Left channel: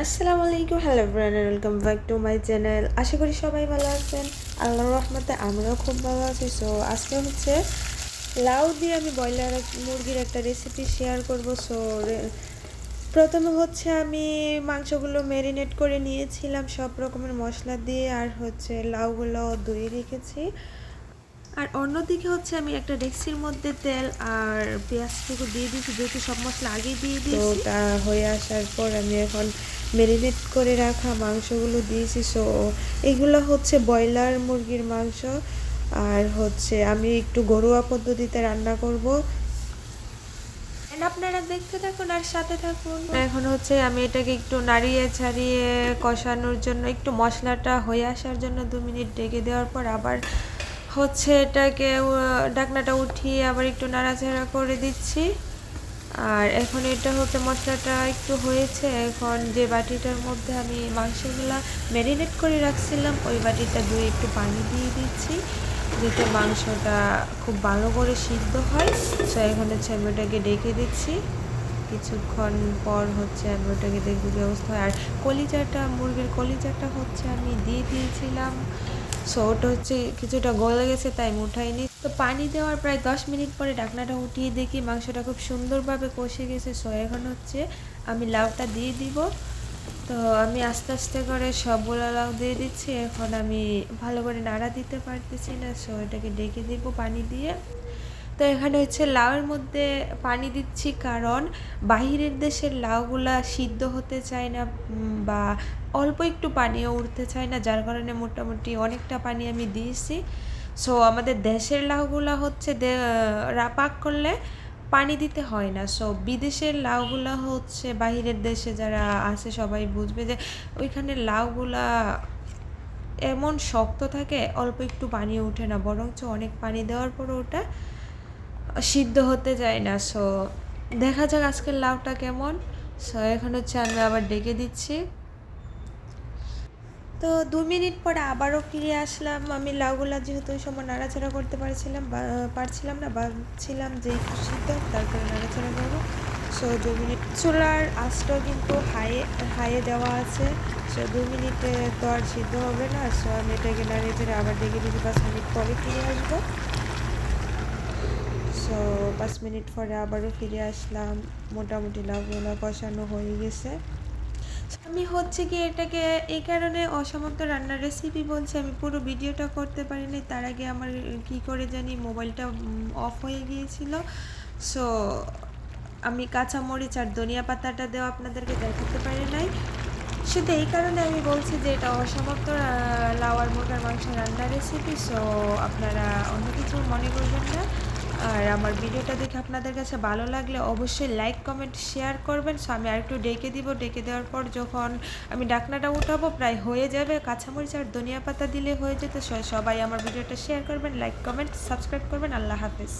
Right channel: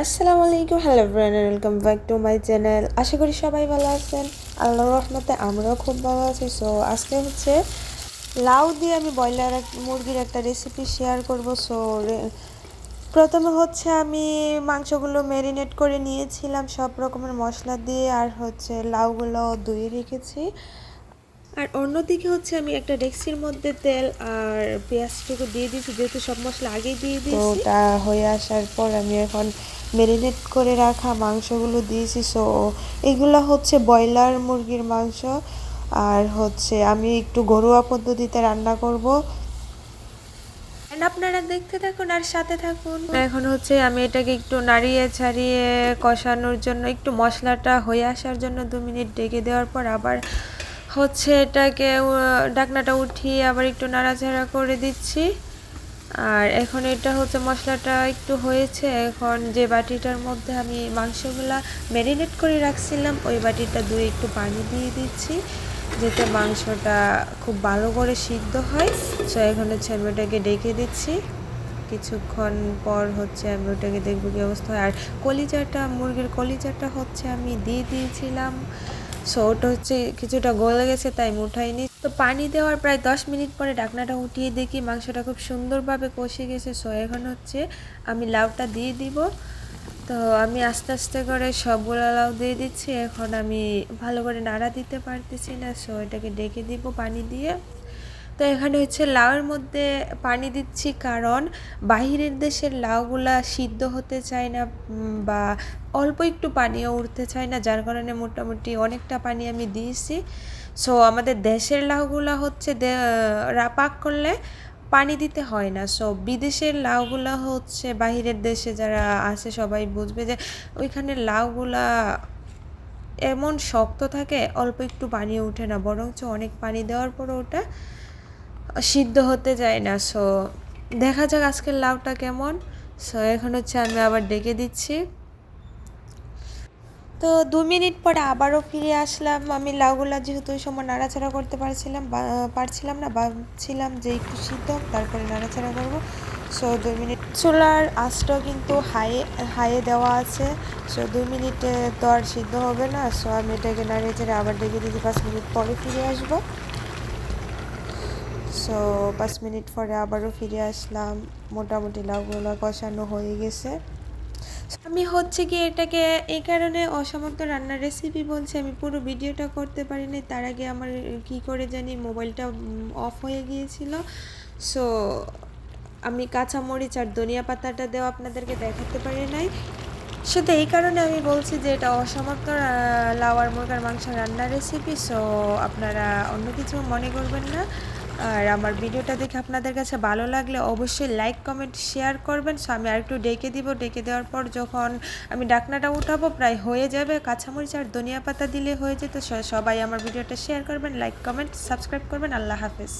আসসালামু আলাইকুম, hello everyone, welcome back to my channel. আশা করি সবাই ভালো আছেন। আল্লাহর রহমতে আমরাও খুব ভালো আছি। সো আজকে হচ্ছে লাউ দিয়ে আমি ব্রয়লার মুরগির একটা রেসিপি শেয়ার করব। সো প্রথমে হচ্ছে আমি মাংসগুলো ম্যারিনেট করে নিয়েছিলাম সব রকমের মশলা দিয়ে, আর হচ্ছে লাউগুলো ধুয়ে রেখেছি। আর অন্যদিকে হচ্ছে আমি একটা ডেক্সির মধ্যে তেল আর পেঁয়াজটুকু দিয়ে দিয়েছি, যেহেতু সব মশলা আগেই দিয়ে দিয়েছি। তো তা হয়ে আসার পর আমি এখন ম্যারিনেট করে রাখা মাংসগুলো দিয়েছি। সো এগুলো হচ্ছে ব্রয়লার মুরগির মাংস, আর হচ্ছে আমি একটু ঘরোয়া পদ্ধতিতে রান্না করব। আপনারা দেখতে থাকুন আর সাথে থাকুন। এখন হচ্ছে আমি এটাকে একটু নাড়িয়ে ছাড়িয়ে কষানোর জন্য, একটু মশলাটা হয়ে আসার জন্য 2 মিনিট ঢেকে দেওয়ার পর আবার হচ্ছে এটাকে ঢাকনাটা উঠিয়ে আবার একটু নাড়াচাড়া করে দিচ্ছি। আর এখন এটা হচ্ছে মশলাটা একটু হয়েছে, এখন যে বাটিটার মধ্যে আমি মাংসগুলা ম্যারিনেট করে রাখছিলাম ওই বাটিটা ধুয়ে একটু পানি দিয়ে দিচ্ছি, যাতে মাংসটা খুব ভালো করে সিদ্ধ হয়। সো এখন হচ্ছে আমি ওটাকে ডেকে দিচ্ছি। কিছুক্ষণ পর হচ্ছে আমি ওটাকে দেখবো কি অবস্থা হয়। আর কলিজাটা, মুরগির কলিজাটা হচ্ছে আমি দিয়ে দিয়েছিলাম। সো ওটা হচ্ছে কিছুটা গলে গেছে, তাই আমি উঠাইনি। তো পানি দেওয়ার প্রায় 10 মিনিট পরে ঢাকনাটা উঠিয়ে দেখি মাংসটা খুব সুন্দরভাবে কষে গেছে। সো এখন হচ্ছে আমি লাউটা দিয়ে দিব। তো আমি আস্তে আস্তে করে সবগুলো লাউ দিয়ে দিচ্ছি। এখন আমি ভালো করে নাড়া দিতে পারতেছি না, সো এটাকে ডেকে দিব পানি দিয়ে। তো এখানে হচ্ছে লাউয়ের মধ্যে পানি দিচ্ছি, কারণ বাহিরের দেশের লাউগুলা সিদ্ধ হতে চায় না, বা অল্প একটু পানিও উঠতে চায় না, যার কারণে মোটামুটি অনেকটা পানি আমি দিয়েছি। সো আমাদের দেশের লাউগুলা হচ্ছে পাক করলে পানি দিতে হয় না। সো বিদেশের লাউগুলা হচ্ছে, বাহিরের দেশে যারা আছে সবাই বুঝবে যে ওইখানে লাউগুলা এমন শক্ত থাকে, অল্প একটু পানি উঠে না, বরঞ্চ অনেক পানি দেওয়ার পর ওটা সিদ্ধ হতে যায় না। সো দেখা যাক আজকের লাউটা কেমন। সো এখন হচ্ছে আমি আবার ডেকে দিচ্ছি। তো 2 মিনিট পরে আবারও ফিরে আসলাম। আমি লাউগুলা যেহেতু ওই সময় নাড়াচাড়া করতে পারছিলাম না, ভাবছিলাম যে একটু সিদ্ধ তারপরে নাড়াচাড়া করবো। সো 2 মিনিট চুলার আঁচটাও কিন্তু হাইয়ে দেওয়া আছে। সো 2 মিনিটে তো আর সিদ্ধ হবে না। সো আমি এটাকে নাড়িয়ে চেড়ে আবার ডেকে দিকে 5 মিনিট পরে ফিরে আসবো। সো 5 মিনিট পরে আবারও ফিরে আসলাম। মোটামুটি লাউগুলো কষানো হয়ে গেছে। আমি হচ্ছে কি এটাকে এই কারণে অসমর্থ রান্নার রেসিপি বলছি, আমি পুরো ভিডিওটা করতে পারিনি। তার আগে আমার কি করে জানি মোবাইলটা অফ হয়ে গিয়েছিল। সো আমি কাঁচামরিচ আর ধনিয়া পাতাটা দেওয়া আপনাদেরকে দেখাতে পারি নাই। শুধু এই কারণে আমি বলছি যে এটা অসমর্থ লাউ আর মুরগার মাংস রান্নার রেসিপি। সো আপনারা অন্য কিছু মনে করবেন না। আর আমার ভিডিওটা দেখে আপনাদের কাছে ভালো লাগলে অবশ্যই লাইক, কমেন্ট, শেয়ার করবেন। সো আমি আরেকটু ডেকে দিব। ডেকে দেওয়ার পর যখন আমি ঢাকনাটা উঠাবো প্রায় হয়ে যাবে, কাঁচামরিচ আর ধনিয়া পাতা দিলে হয়ে যেত। সবাই আমার ভিডিওটা শেয়ার করবেন, লাইক, কমেন্ট, সাবস্ক্রাইব করবেন। আল্লাহ হাফেজ।